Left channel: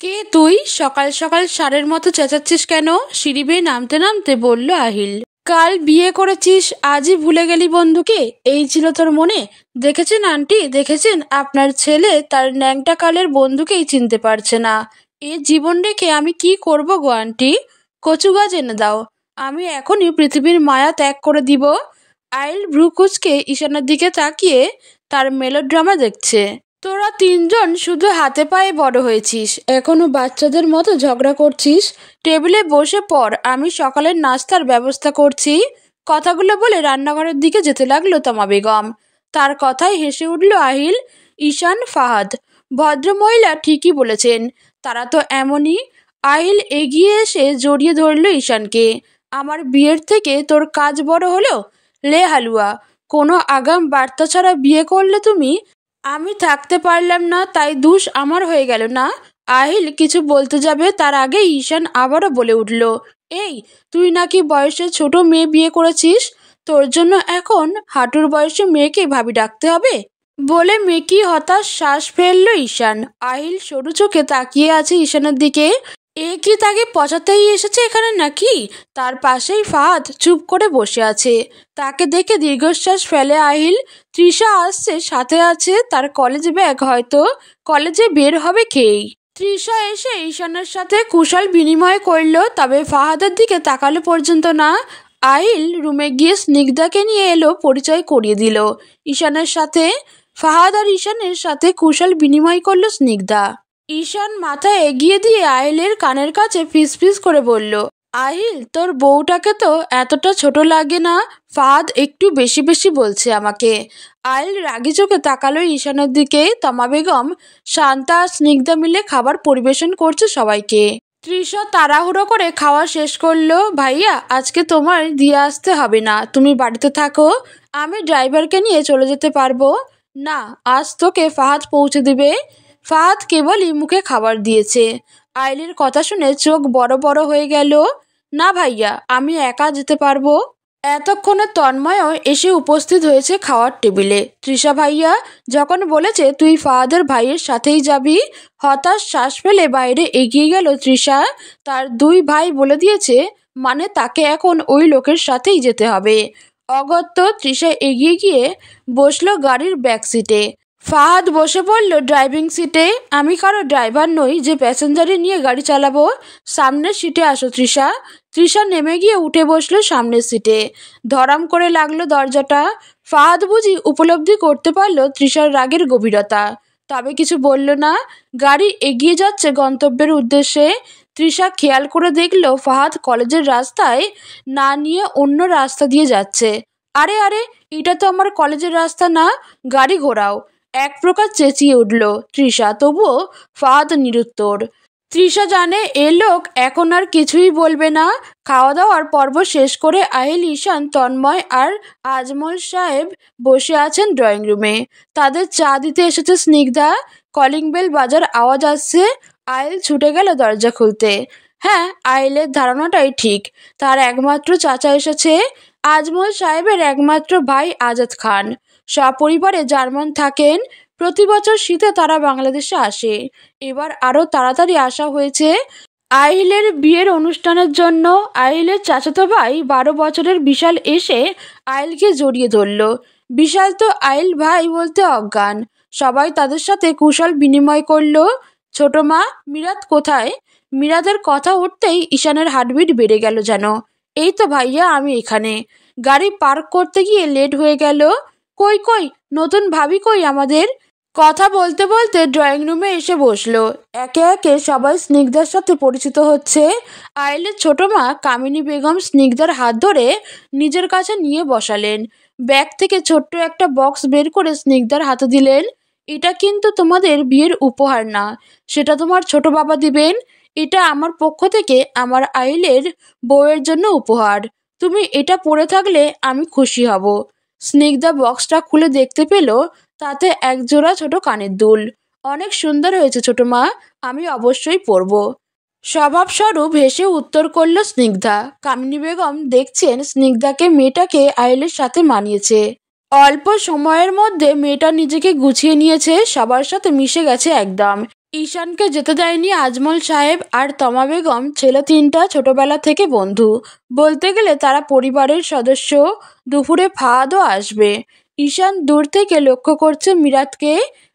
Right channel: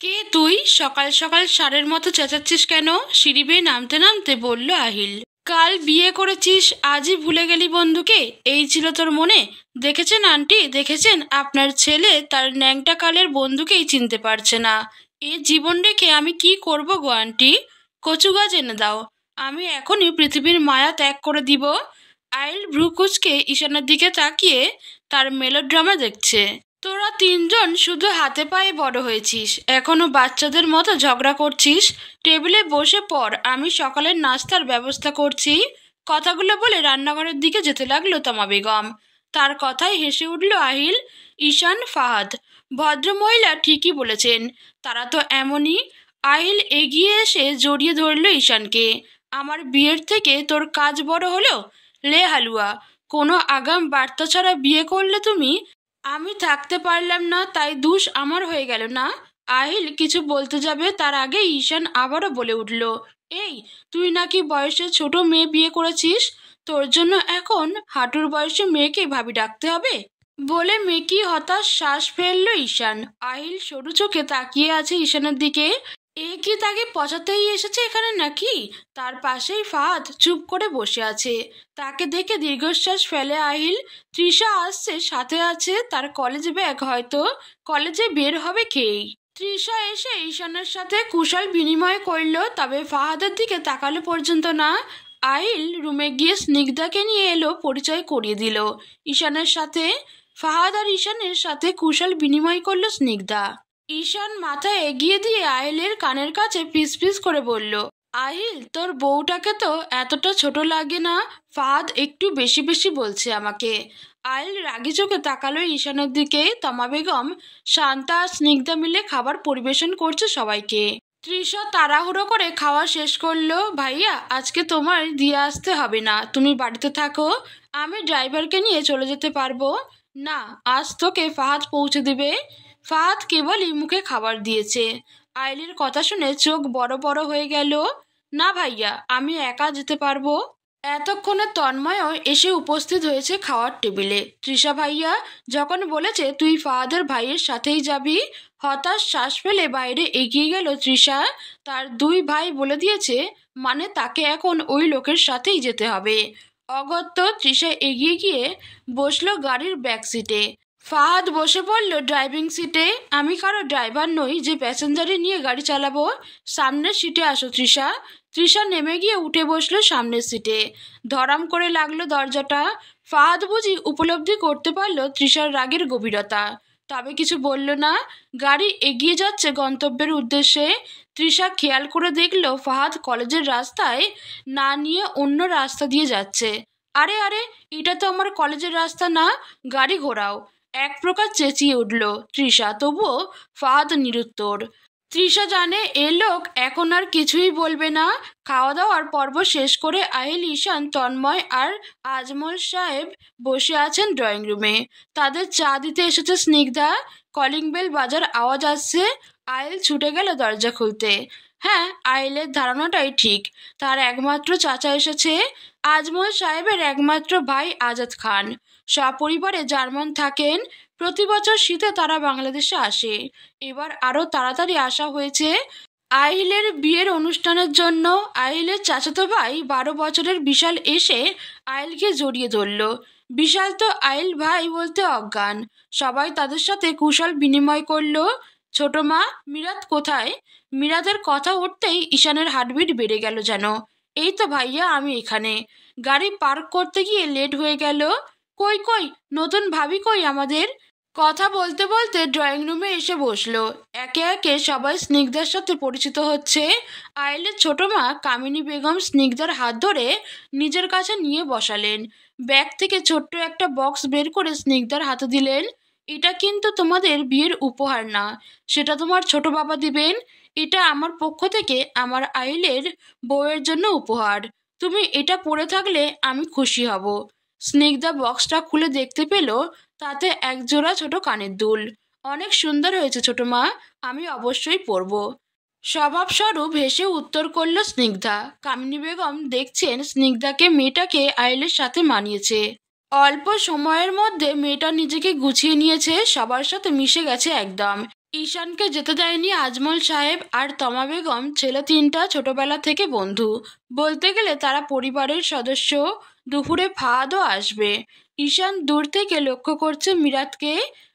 কে তুই? সকাল সকাল ষাঁড়ের মতো চেঁচাচ্ছিস কেন? সিঁড়ি বেয়ে নামতে নামতে বলল আহিল। কাল বিয়ে করেছিস, আজই ভুলে গেলি বন্ধুকে? এই ছিল তোর মনে? দেখেছেন আন্টি, দেখেছেন আপনার ছেলে তার ন্যাংটা কালের বন্ধুকেই চিনতে পারছে না। এ জীবন রেখে আমি কি করব গো আন্টি? কচু গাছ এনে দাও, আমি এখনই পৃথিবীর মায়া ত্যাগ করে দিব। আইল ভ্রু কুঁচকে ঈশানের দিকে তাকিয়ে তার মেলোড্রামা দেখছে। তোরা তিনজন শুধু হাতে পায়ে বড় হয়েছিস, এখনো বাচ্চাদের মতো ঝগড়া করছিস। টেবিলে বসে পড়, আমি সকালের নাস্তার ব্যবস্থা করছি। কথাগুলো বলে রান্নাঘরের দিকে যেতে লাগলো তমা বেগম। তার কথায় হেসে উঠল আহিল, ঈশান, ফাহাদ। ভদ্রমহিলা ঠিকই বলেছেন, তারা তো এমনই। আহিল এগিয়ে এসে জড়িয়ে ধরল ঈশানকে। আমার বিয়ের থেকে তোর কাজ বড় হলো? লে হালুয়া, কোনো আগাম বার্তা ছাড়া বিয়ে করলে তুমি? আমি থাকতে পারলাম না, তাই দোষ আমার হয়ে গেল না? আহিল কিছু বলতে যাবে তার আগে ঈশান আবারও বলে উঠল, এই, তুই নাকি বয়সে ছোট মেয়ে বিয়ে করেছিস, তোর জন্য এখন হাঁটুর বয়সে মেয়েকে ভাবি ডাকতে হবে? বলে মেকি হতাশ শ্বাস ফেলল ঈশান। আহিল সরু চোখে তাকিয়ে আছে ঈশানের দিকে। এ কি তাকে পচাতেই এসেছে এখানে নাকি? তার পাশেই ফাহাদ চুপ করে বসে আছে। তাকে দেখে দীর্ঘশ্বাস ফেলে আহিল। তৃষা আসছে, সাথে আছে তার কলেজ ব্যাগ, হয়তো কলেজে বের হবে খেয়েই। তৃষা এসে ঈশানের সাথে কুশল বিনিময় করল, তবে ফাহাদের দিকে তাকালো পর্যন্ত না। আহিল রুমে গিয়ে স্নিগ্ধাকে নিয়ে এলো, পরিচয় করিয়ে দিল ঈশানের সাথে। ফাহাদ আর ঈশানের সাথে কুশল বিনিময় করলো স্নিগ্ধা। ঈশান মাথা এগিয়ে দিয়ে আহিলের কানের কাছে ফিস ফিস করে বলল, আহিল, তোর বউটাকে তো এতটা ছোট লাগে না? ফাহাদ একটু বেশি বেশি বলছে আমাকে। আহিল রাগি চোখে তাকালো ঈশানের দিকে। তমা বেগম, শান্তা আর স্নিগ্ধা মিলে খাবার পরিবেশন করছে সবাইকে। তৃষা তাড়াহুড়ো করে খাওয়া শেষ করলো। ভাইয়া, আজকে তোমার দিয়ে আসতে হবে না, তুমি বাড়িতে থাকো, আমি ড্রাইভারকে নিয়ে চলে যেতে পারবো। না, আজ তোকে ফাহাদ পৌঁছে দিবে। ফাহাদ কেবলই মুখে খাবার দিয়েছে। আইলির কথা শুনে চোখ বড় বড় হয়ে গেল। না ভাইয়া, আমি একা যেতে পারবো। এতক্ষণে তন্ময়ও এসে উপস্থিত হয়েছে খাওয়ার টেবিলে। তৃষা ভাইয়া যখন বলেছে তুই ফাহাদের ভাইয়ের সাথেই যাবি, হতাশ শ্বাস ফেলে বাইরে এগিয়ে গেল তৃষা। তার দুই ভাই বলে দিয়েছে, মানে তাকে এখন ওই লোকের সাথেই যেতে হবে। অগত্যা তৃষা এগিয়ে গিয়ে বসলো গাড়ির ব্যাক সিটে। ফাহাদ বসে পড়ল ড্রাইভিং সিটে। আমি কারো ড্রাইভার নই যে প্যাসেঞ্জারে নিয়ে গাড়ি চালাবো। সামনের সিটে আসো তৃষা। তৃষা নেমে গিয়ে উঠে বসলো সামনের সিটে। ধরাম করে লাগলো দরজাটা। ফাহাদ বুঝি উপলব্ধি করতে পারলো তৃষার রাগের গভীরতা, তবে কিছু বলল না। গাড়ি এগিয়ে যাচ্ছে গন্তব্যের উদ্দেশ্যে। তৃষা খেয়াল করে দেখলো ফাহাদ কলেজের রাস্তায় না নিয়ে অন্য রাস্তা দিয়ে যাচ্ছে। আরে আরে, এটা তো আমার কলেজের রাস্তা না, গাড়ি ঘোরাও, এক প্রকার চেঁচিয়ে উঠল তৃষা। তবুও ফাহাদ নিরুত্তর। তৃষা জানে এ লোক এখন আর কিছুই বলবে না। খাওয়া দাওয়ার পর্ব শেষ করে আহিল, ঈশান, তন্ময় আর আজমল সাহেব বসে আছেন ড্রয়িং রুমে। তাদের চা দিতে এসেছে স্নিগ্ধা। কলিং বেল বাজার আওয়াজ আসছে। আহিল ছুটে গেল দরজা খুলতে। হ্যাঁ, আহিলের ধারণাটাই ঠিক, তার একমাত্র চাচা এসেছে, আজমল সাহেবের একমাত্র ভাই আজাদ খান। সপরিবারে জার্মান থাকেন। প্রতি বছর শীতে তারা বাংলাদেশে আসে। এবার আরো তাড়াতাড়ি আসা হয়েছে আহিলের বিয়ের অনুষ্ঠানের জন্য। আহিলের চাচাতো ভাই 12 বছরের বিশাল এসে আহিলকে জড়িয়ে ধরল। বিশাল তো আহিল ভাই বলতে অজ্ঞান। সবাই তাদের সাথে কুশল বিনিময় করলো। ছোট মা, মিরাত কোথায়? মিরাতের কথা উঠতেই ঈশানের হার্টবিট বেড়ে গেল যেন। এই তো ভাইয়া, আমি এখানে। গাড়ি পার্ক করতে গিয়ে লেট হয়ে গেল। কই কই, নতুন ভাবি কই আমাদের? কথা বলতে বলতে ড্রয়িং রুমে এসে বসলো। একে একে সবাই স্নিগ্ধার সাথে পরিচিত হচ্ছে। আইলের ছোট মা কামিনী বেগম স্নিগ্ধার হাত ধরে নিজের কাছে নিয়ে বসালেন। ব্যাগ থেকে ছোট্ট একটা বক্স বের করে স্নিগ্ধার হাতে দিলেন। এটা কিন্তু তোমাদের বিয়ের উপহার না, সেটা তোমার ছোট বাবা দিবেন। এটা আমার পক্ষ থেকে আমার আইলের বউয়ের জন্য উপহার। তুমি এটা পরে থাকলে আমি খুশি হব। স্নিগ্ধা বক্সটা খুলে দেখতে পেল তাতে একজোড়া ছোট কানের দুল। অনেক সুন্দর হয়েছে ছোট মা, আমি অবশ্যই পরব। স্বভাবস্বরূপ হেসে উত্তর করল স্নিগ্ধা। কামিনী বেগম দেখছেন স্নিগ্ধাকে মেয়েটাকে আইলের সাথে মানিয়েছে। অল্প সময়ের মধ্যে মেয়েটা নিজেকে গুছিয়ে নিয়েছে, সবার সাথে মিশে গেছে একদম। ঈশানকে যেতে দেয়নি আজমল সাহেব আর তমা বেগম। ছেলে তিনটা ছোটবেলা থেকে বন্ধু, বলতে গেলে তারা পরিবারের সদস্য। দুপুরে ফাহাদও আসবে। ঈশান দূর থেকে লক্ষ্য করছে মিরাতকে।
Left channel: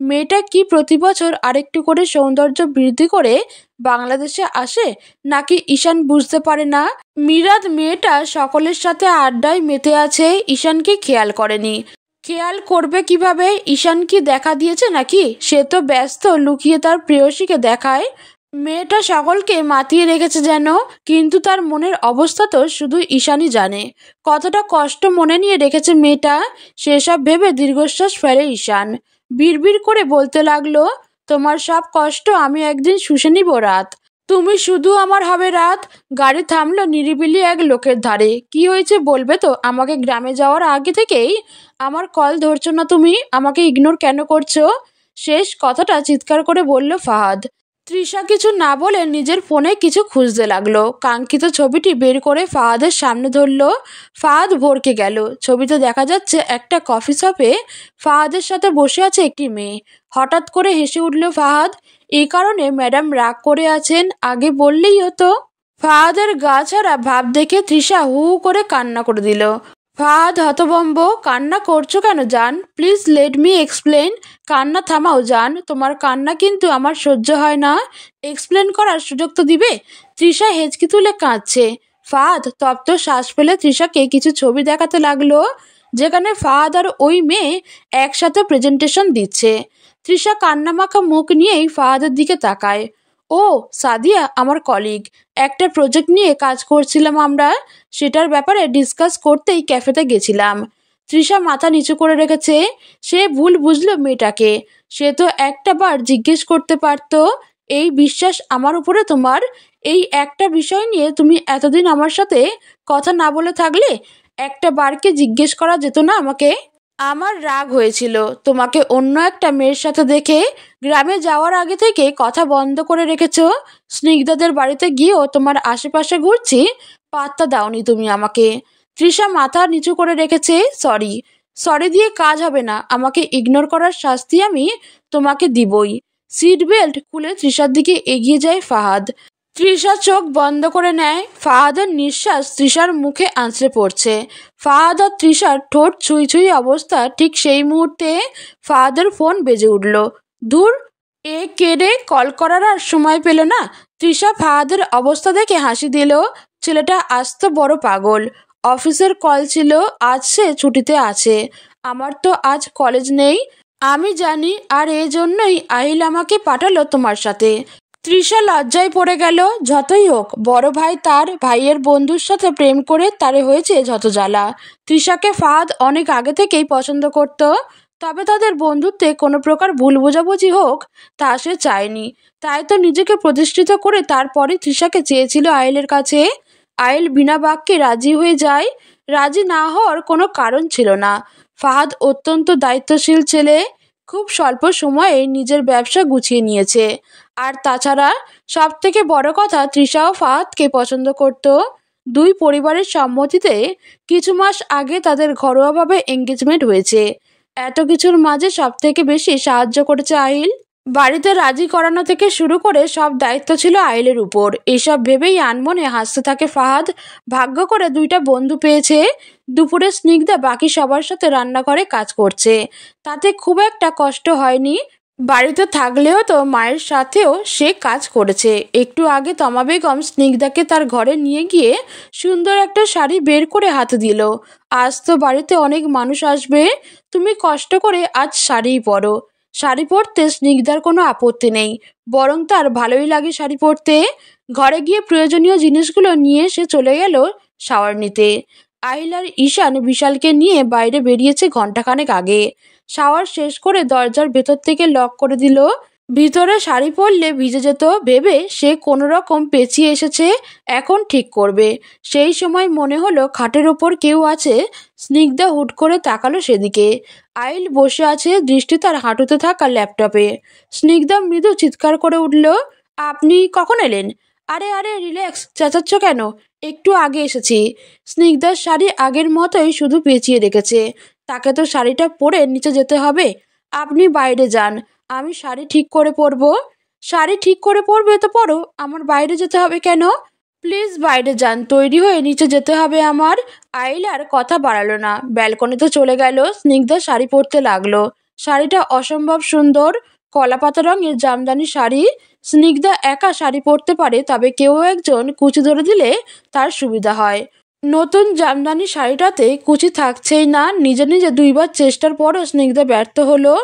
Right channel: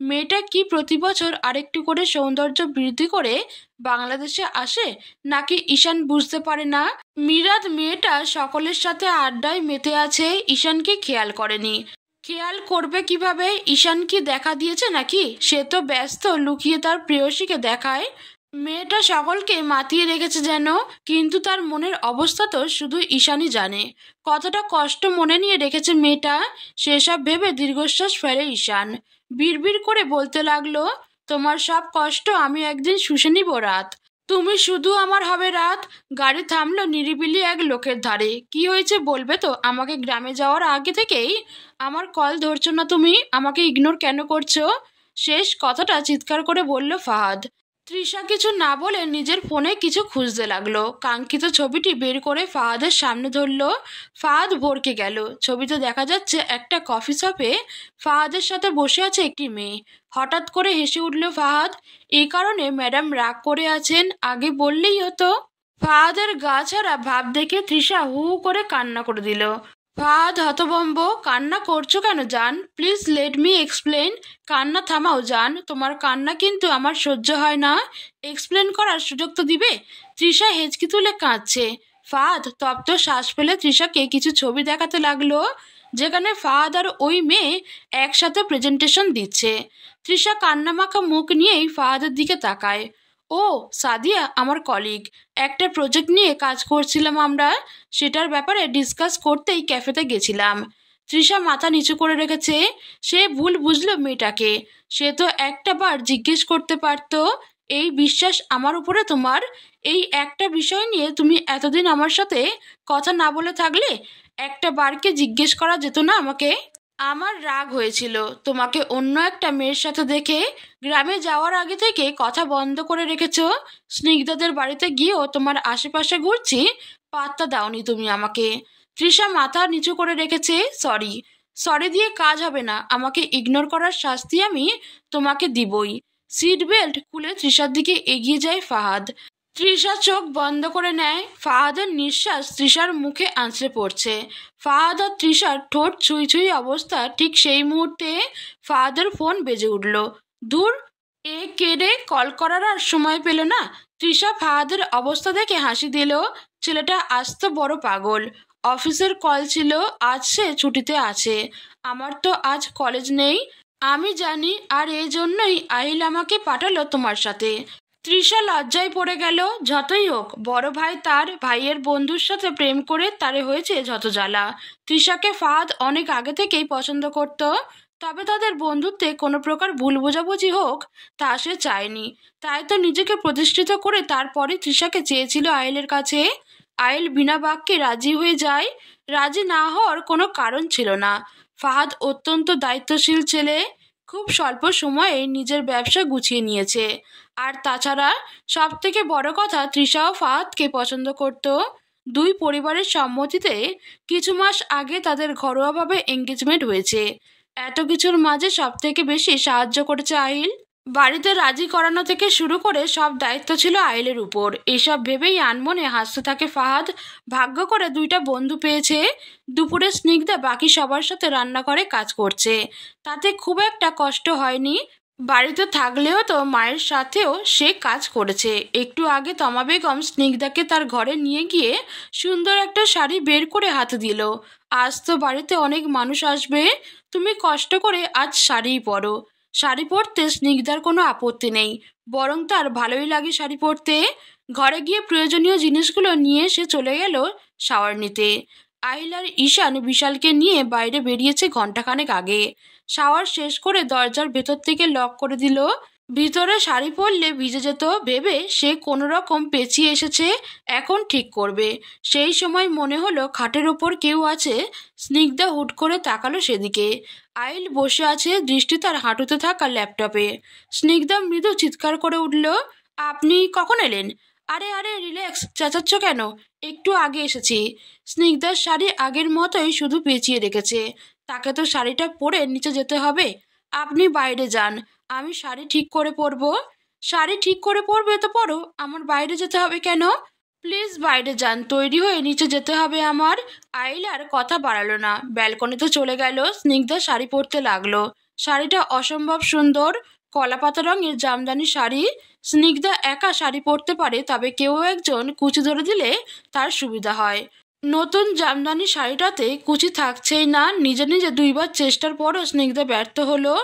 মেয়েটা কি প্রতি বছর আরেকটু করে সৌন্দর্য বৃদ্ধি করে বাংলাদেশে আসে, নাকি ঈশান বুঝতে পারে না? মিরাত মেয়েটা সকলের সাথে আড্ডায় মেতে আছে, ঈশানকে খেয়াল করেনি। খেয়াল করবে কিভাবে? ঈশান কি দেখা দিয়েছে নাকি? সে তো ব্যস্ত লুকিয়ে তার প্রেয়সীকে দেখায়। মেয়েটা সকলকে মাতিয়ে রেখেছে যেন, কিন্তু তার মনের অবস্থা তো শুধু ঈশানই জানে। কতটা কষ্ট মনে নিয়ে রেখেছে মেয়েটা, সেসব ভেবে দীর্ঘশ্বাস ফেলে ঈশান। বিড়বিড় করে বলতে লাগলো, তোমার সব কষ্ট আমি একদিন শুষে নিব রাত। তুমি শুধু আমার হবে রাত। গাড়ি থামলো নিরিবিলি এক লোকের ধারে। কি হয়েছে বলবে তো? আমাকে গ্রামে যাওয়ার আগে থেকেই আমার কল ধরছো না তুমি? আমাকে ইগনোর কেন করছো? শেষ কথাটা চিৎকার করে বলল ফাহাদ। তৃষা কিছু না বলে নিজের ফোনে কিছু খুঁজতে লাগলো। কাঙ্ক্ষিত ছবিটি বের করে ফাহাদের সামনে ধরলো। ফাহাদ ভরকে গেল। ছবিতে দেখা যাচ্ছে একটা কফি শপে ফাহাদের সাথে বসে আছে একটি মেয়ে। হঠাৎ করে হেসে উঠল ফাহাদ। এই কারণে ম্যাডাম রাগ করে আছেন? আগে বললেই হতো। ফাহাদের গা ছাড়া ভাব দেখে তৃষা হু হু করে কান্না করে দিল। ফাহাদ হতভম্ব। কান্না করছো কেন জান? Please let me explain. কান্না থামাও জান, তোমার কান্না কিন্তু আমার সহ্য হয় না। এক্সপ্লেন করার সুযোগ তো দিবে। তৃষা হেঁচকি তুলে কাঁদছে। ফাহাদ তপ্ত শ্বাস ফেলে তৃষাকে কিছু ছবি দেখাতে লাগলো, যেখানে ফাহাদ আর ওই মেয়ে একসাথে প্রেজেন্টেশন দিচ্ছে। তৃষা কান্নামাখা মুখ নিয়েই ফাহাদের দিকে তাকায়। ও সাদিয়া, আমার কলিগ। একটা প্রজেক্ট নিয়ে কাজ করছিলাম আমরা, সেটার ব্যাপারে ডিসকাস করতেই ক্যাফেতে গেছিলাম। তৃষা মাথা নিচু করে রেখেছে। সে ভুল বুঝলো মেয়েটাকে। সে তো একটা বার জিজ্ঞেস করতে পারতো, এই বিশ্বাস আমার উপরে তোমার? এই একটা বিষয় নিয়ে তুমি এতদিন আমার সাথে কথা না বলে থাকলে? একটা বারকে জিজ্ঞেস করা যেত না আমাকে? আমার রাগ হয়েছিল তোমাকে অন্য একটা মেয়ের সাথে দেখে। গ্রামে যাওয়ার আগে থেকে কথা বন্ধ করে রেখেছো। স্নিগ্ধাদের বাড়িতে গিয়েও তোমার আশেপাশে ঘুরছি, পাত্তা দাওনি তুমি আমাকে। তৃষা মাথা নিচু করে রেখেছে। সরি। সরি দিয়ে কাজ হবে না। আমাকে ইগনোর করার শাস্তি আমি তোমাকে দিবই। সিট বেল্ট খুলে তৃষার দিকে এগিয়ে যায় ফাহাদ। তৃষা চোখ বন্ধ করে নেয়। ফাহাদের নিঃশ্বাস তৃষার মুখে আঁচড়ে পড়ছে। ফাহাদ আর তৃষার ঠোঁট ছুঁই ছুঁই অবস্থা। ঠিক সেই মুহূর্তে ফাহাদের ফোন বেজে উঠল। ধুর, এ কেড়ে কল করার আর সময় পেল না। তৃষা ফাহাদের অবস্থা দেখে হাসি দিল। ছেলেটা আস্ত বড় পাগল। অফিসের কল ছিল, আজ সে ছুটিতে আছে। আমার তো আজ কলেজ নেই, আমি জানি, আর এই জন্যই আহিল আমাকে পাঠালো তোমার সাথে। তৃষা লজ্জায় পড়ে গেল। যতই হোক, বড় ভাই তার ভাইয়ের বন্ধুর সাথে প্রেম করে তারে হয়েছে যত জ্বালা। তৃষাকে ফাহাদ অনেক আগে থেকেই পছন্দ করত, তবে তাদের বন্ধুত্বে কোনো প্রকার ভুল বোঝাবুঝি হোক তা সে চায়নি। তাই তো নিজেকে প্রতিষ্ঠিত করে তারপরে তৃষাকে চেয়েছিল আইলের কাছে। আইল বিনা বাক্যে রাজি হয়ে যায়। রাজি না হওয়ার কোনো কারণ ছিল না। ফাহাদ অত্যন্ত দায়িত্বশীল ছেলে। খুব স্বল্প সময়ে নিজের ব্যবসা গুছিয়ে নিয়েছে। আর তাছাড়া সব থেকে বড় কথা, তৃষাও ফাহাদকে পছন্দ করত। দুই পরিবারের সম্মতিতে কিছু মাস আগে তাদের ঘরোয়াভাবে এঙ্গেজমেন্ট হয়েছে। এত কিছুর মাঝে সব থেকে বেশি সাহায্য করেছে আহিল। বাড়িতে রাজি করানো থেকে শুরু করে সব দায়িত্ব ছিল আহিলের উপর। এসব ভেবেই আনমনে হাসতে থাকে ফাহাদ। ভাগ্য করে দুইটা বন্ধু পেয়েছে। দুপুরে স্নিগ্ধা বাকি সবার সাথে রান্নাঘরে কাজ করছে, তাতে খুব একটা কষ্ট হয়নি। বাড়িতে থাকলেও তো মায়ের সাথেও সে কাজ করেছে। একটু আগে তমা বেগম স্নিগ্ধাকে তার ঘরে নিয়ে গিয়ে সুন্দর একটা শাড়ি বের করে হাতে দিল। আজ তো বাড়িতে অনেক মানুষ আসবে, তুমি কষ্ট করে আজ শাড়িই পরো। শাড়ি পরতে স্নিগ্ধার কোনো আপত্তি নেই, বরং তার ভালোই লাগে শাড়ি পরতে। ঘরে গিয়ে প্রয়োজনীয় জিনিসগুলো নিয়ে সে চলে গেল শাওয়ার নিতে। আহিল আর ঈশান বিশালকে নিয়ে বাইরে বেরিয়েছে ঘন্টাখানেক আগে। শাওয়ার শেষ করে দরজার ভেতর থেকে লক করে দিল। ভিতরে শাড়ি পরলে ভিজে যেত ভেবে সে কোনো রকম পেঁচিয়ে এসেছে, এখন ঠিক করবে। সেই সময় মনে হলো খাটের ওপর কেউ আছে। স্নিগ্ধা হুট করে তাকালো সেদিকে। আইল বসে আছে, দৃষ্টি তার হাঁটুতে থাকা ল্যাপটপে। স্নিগ্ধা মৃদু চিৎকার করে উঠল, আপনি কখন এলেন? আরে আরে রিল্যাক্স, চেঁচাচ্ছ কেন? একটু আগে এসেছি। স্নিগ্ধার শাড়ি আগের মতোই, শুধু পেঁচিয়ে রেখেছে। তাকে তো শাড়িটা পরে নিচে যেতে হবে। আপনি বাইরে যান, আমি শাড়ি ঠিক করে পরবো। শাড়ি ঠিক করে পরবে তো পরো, আমার বাইরে যেতে হবে কেন? প্লিজ বাইরে যান, তৈরি হয়ে নিচে যেতে হবে আমার। আইল আর কথা বাড়ালো না, ব্যালকনিতে চলে গেল। স্নিগ্ধা শাড়ি পরতে লাগলো। শাড়িটা অসম্ভব সুন্দর, কলাপাতা রঙের জামদানি শাড়ি। স্নিগ্ধা একা শাড়ি পরতে পারে, তবে কেউ একজন কুচি ধরে দিলে তার সুবিধা হয়। নতুন জামদানি শাড়িটাতে কুচি থাকছেই না। নিজে নিজে দুইবার চেষ্টার পরও স্নিগ্ধা ব্যর্থ হলো।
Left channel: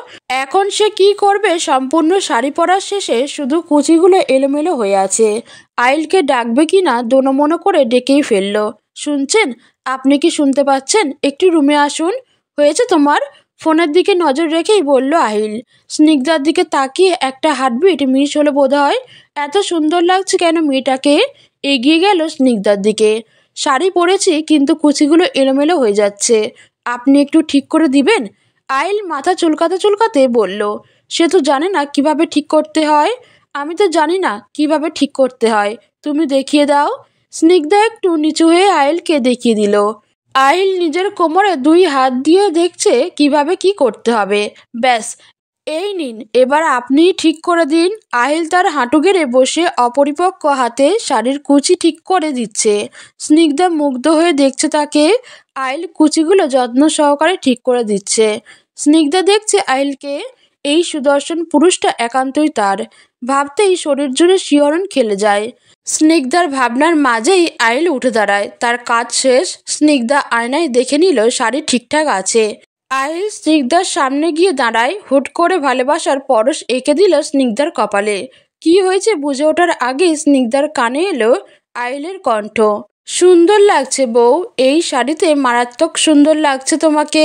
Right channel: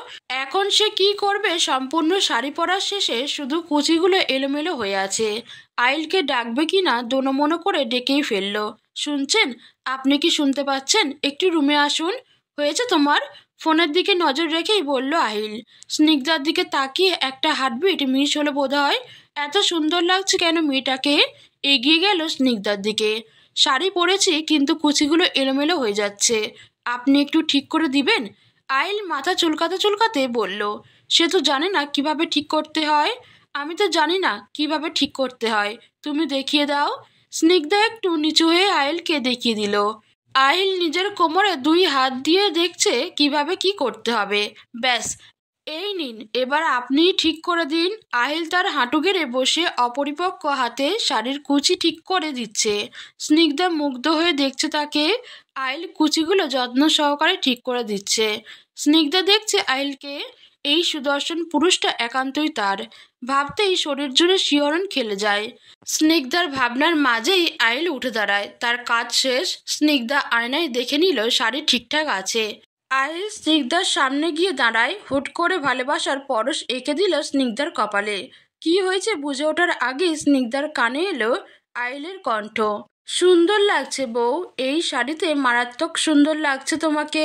এখন সে কি করবে? সম্পূর্ণ শাড়ি পরার শেষে শুধু কুচিগুলো এলোমেলো হয়ে আছে। আইলকে ডাকবে কি না দোনমনো করে ডেকেই ফেললো। শুনছেন? আপনি কি শুনতে পাচ্ছেন? একটু রুমে আসুন। হয়েছে তোমার? ফোনের দিকে নজর রেখেই বলল আহিল। স্নিগ্ধার দিকে তাকিয়ে একটা হার্টবিট মিস হলো বোধহয়। এত সুন্দর লাগছে কেন মেয়েটাকে? এগিয়ে গেল স্নিগ্ধার দিকে। শাড়ি পরেছি কিন্তু কুচিগুলো এলোমেলো হয়ে যাচ্ছে, আপনি একটু ঠিক করে দিবেন? আইল মাথা চুলকাতে চুলকাতে বলল। সে তো জানে না কিভাবে ঠিক করতে হয়। আমি তো জানি না কিভাবে ঠিক করতে হয়, তুমি দেখিয়ে দাও। স্নিগ্ধা একটু নিচু হয়ে আইলকে দেখিয়ে দিল। আইল নিজের কোমরে দুই হাত দিয়ে দেখছে কিভাবে কি করতে হবে। ব্যাস, এই নিন, এবার আপনিই ঠিক করে দিন। আহিল তার হাঁটু গেড়ে বসে অপরিপক্ক হাতে শাড়ির কুচি ঠিক করে দিচ্ছে। স্নিগ্ধা মুগ্ধ হয়ে দেখছে তাকে। আইল কুচিগুলো যত্ন সহকারে ঠিক করে দিচ্ছে। স্নিগ্ধা দেখছে আইলকে। এই সুদর্শন পুরুষটা একান্তই তার। ভাবতেই শরীর জুড়ে শিহরণ খেলে যায়। স্নিগ্ধার ভাবনার মাঝেই আইল উঠে দাঁড়ায়। তার কাজ শেষ। স্নিগ্ধা আয়নায় দেখে নিল শাড়ি ঠিকঠাক আছে। আইল স্নিগ্ধার সামনে গিয়ে দাঁড়ায়। হুট করে ভালোবাসার পরশ এঁকে দিল স্নিগ্ধার কপালে। কি হয়েছে বুঝে ওঠার আগে স্নিগ্ধার কানে এলো আইলের কণ্ঠ। সুন্দর লাগছে বউ, এই শাড়িতে মারাত্মক সুন্দর লাগছে তোমাকে।